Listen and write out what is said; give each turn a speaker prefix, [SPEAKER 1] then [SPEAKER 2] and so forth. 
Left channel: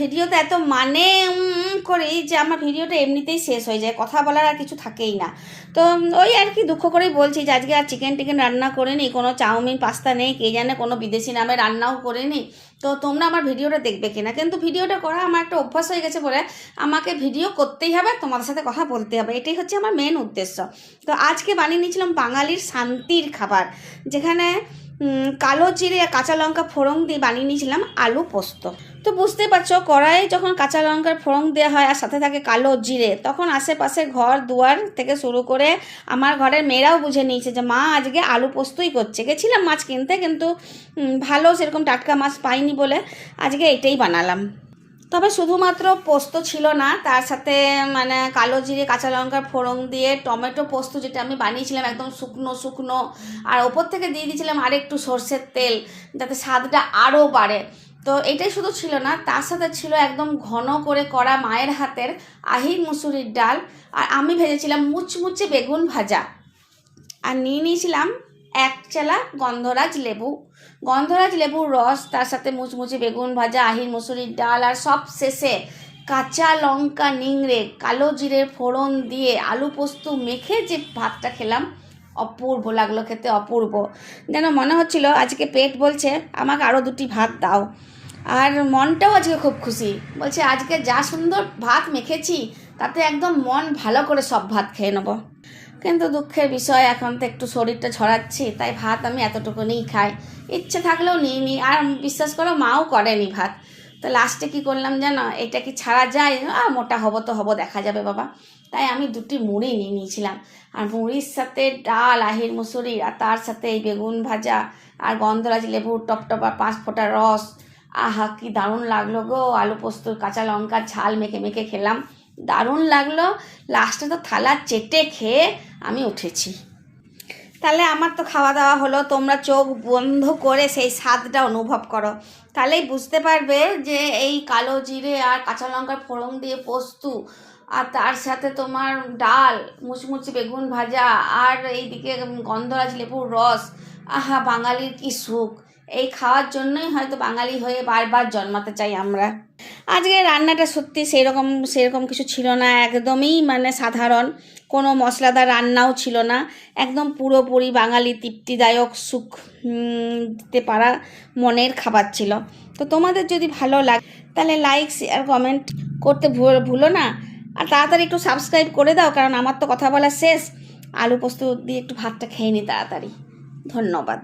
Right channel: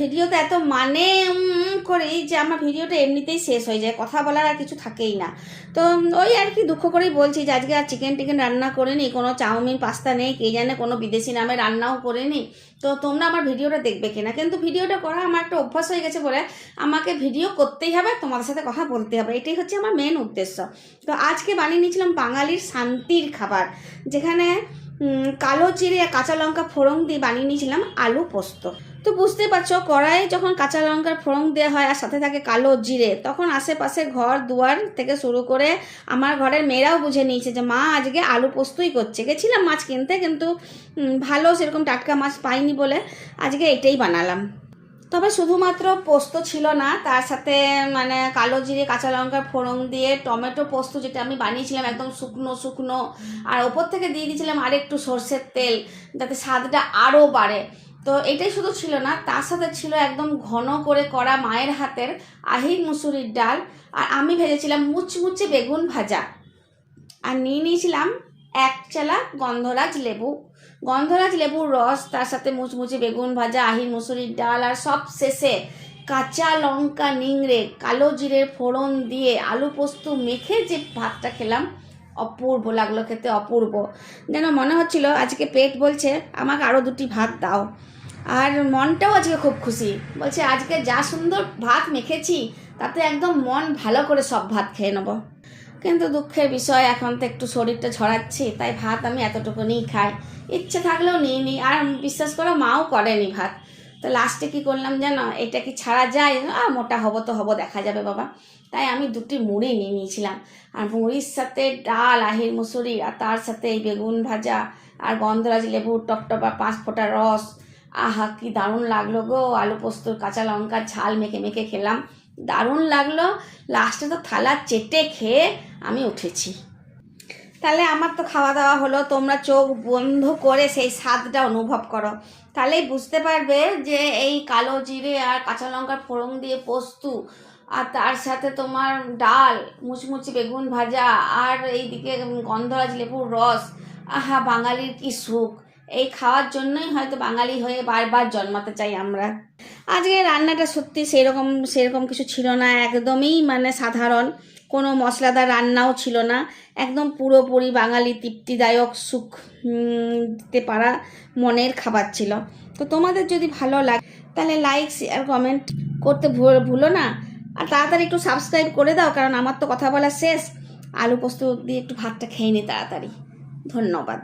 [SPEAKER 1] ভিডিওতে এত মানে করি যে আমার ভিডিওটা এমনিতেই শেষ হয়ে যায়, কথা বলার আর কিছু থাকেই না। তো ওই আর কি দুঃখ করেই বলছি যে আজকে আর চিকেন টিকেন রান্না করিনি কোনো চাউমিন, পাস্তা নেই, কে জানে কোনো বিদেশি নামে রান্নাও করিনি তো তোমরা আমার ভিডিওটা দেখবে কিনা, কিন্তু ভিডিওটা করা আমার একটা অভ্যাস হয়ে গেছে বলে আমাকে ভিডিও করতেই হবে তোমাদের সাথে কথা বলতে হবে, এটাই হচ্ছে আমার মেন উদ্দেশ্য। তো আজকে বানিয়ে নিয়েছিলাম বাঙালির শান্তির খাবার, যেখানে কালো জিরে কাঁচা লঙ্কা ফোড়ং দিয়ে বানিয়ে নিয়েছিলাম আলু পোস্ত। তো বুঝতে পারছ, কড়াইয়ে যখন কাঁচা লঙ্কার ফোড়ং দেওয়া হয় আর সাথে থাকে কালো জিরে, তখন আশেপাশে ঘর দুয়ার থেকে শুরু করে আমার ঘরের মেয়েরাও বুঝে নিয়েছে যে, মা, আজকে আলু পোস্তই করছে। গেছিলাম মাছ কিনতে, কিন্তু ভালো সেরকম টাটকা মাছ পাইনি বলে আজকে এটাই বানালাম। তবে শুধুমাত্র পোস্ত ছিল না, তার সাথে মানে কালো জিরে, কাঁচা লঙ্কার ফোড়ন দিয়ে টমেটো পোস্ত যেটা আমি বানিয়েছিলাম একদম শুকনো শুকনো। আর ওপর থেকে দিয়ে দিয়েছিলাম আরেকটু সর্ষের তেল, যাতে স্বাদটা আরও বাড়ে। তো এটাই শুধু ছিল না, তার সাথে ছিল একদম ঘন করে করা মায়ের হাতের আহির মুসুরির ডাল। আর আমি ভেজেছিলাম মুচমুচে বেগুন ভাজা। আর নিয়ে নিয়েছিলাম এক চালা গন্ধরাজ লেবু। গন্ধরাজ লেবুর রস, তার সাথে মুচমুচে বেগুন ভাজা আহির মুসুরির ডাল আর সব শেষে কাঁচা লঙ্কা, নিংড়ে, কালো জিরে ফোড়ন দিয়ে আলু পোস্ত মেখে যে ভাতটা খেলাম, অপূর্ব লাগল খেতে, অপূর্ব। যেন মনে হচ্ছিল আজকে পেট বলছে, আমাকে আরও দুটি ভাত দাও। আর মনটাও আজকে খুব খুশি। বলছে, আজকে যা সুন্দর ভাত মেখেছি, তাতে একদম মন ভালো করে সব ভাত খেয়ে নেব। কিন্তু দুঃখের বিষয়, এখন তো একটু শরীরটা ছড়াচ্ছি, তাই ভাত আমি এতটুকুনিই খাই। ইচ্ছে থাকলেও নিই নি, আর বিশ্বাস করো মাও করেনি ভাত। তো লাস্টে কি করলাম জানো, এটা কি ছাড়া যায়? আ, মোটা হব তো হব, দেখা যাবে বাবা। তাই আমি দুটি মুড়ি নিয়ে নিয়েছিলাম। আর মুড়ির সাথে ডাল, আহির মুসুরি, আর তার সাথে এই বেগুন ভাজা, আর গন্ধরাজ লেবুর টপটপা পাঁচ ফোঁটা রস। আহা, কি দারুণ লাগল গো, আলু পোস্ত, কাঁচা লঙ্কার ঝাল মেখে মেখে খেলাম। দারুণ লাগল। লাস্টে তো থালা চেটে খেয়ে আমি উঠেছি। তাহলে আমার তো খাওয়া দাওয়া হলো। তোমরা চোখ বন্ধ করে সেই স্বাদটা অনুভব করো। তাহলেই বুঝতে পারবে যে এই কালো জিরে আর কাঁচা লঙ্কার ফোড়ন দিয়ে পোস্তু আর তার সাথে তোমার ডাল, মুচমুচি বেগুন ভাজা আর এইদিকে গন্ধরাজ লেবুর রস। আহা, বাঙালির কি সুখ। এই খাওয়ার জন্যই হয়তো বাঙালি হয়ে বারবার জন্মাতে চাই আমরা। আজকে রান্নাটা সত্যি সেরকম সেরকম কিছু ছিল না, একদমই মানে সাধারণ। কোনো মশলাদার রান্নাও ছিল না। একদম পুরোপুরি বাঙালি তৃপ্তিদায়ক, সুখ দিতে পারা মনের খাবার ছিল। তো তোমাদের যদি ভালো লাগে, তাহলে লাইক শেয়ার কমেন্ট করতে ভুল- না। আর তাড়াতাড়ি একটু সাবস্ক্রাইব করে দাও, কারণ আমার তো কথা বলা শেষ। আলু পোস্ত দিয়ে একটু ভাতটা খেয়ে নি তাড়াতাড়ি। ধন্যবাদ।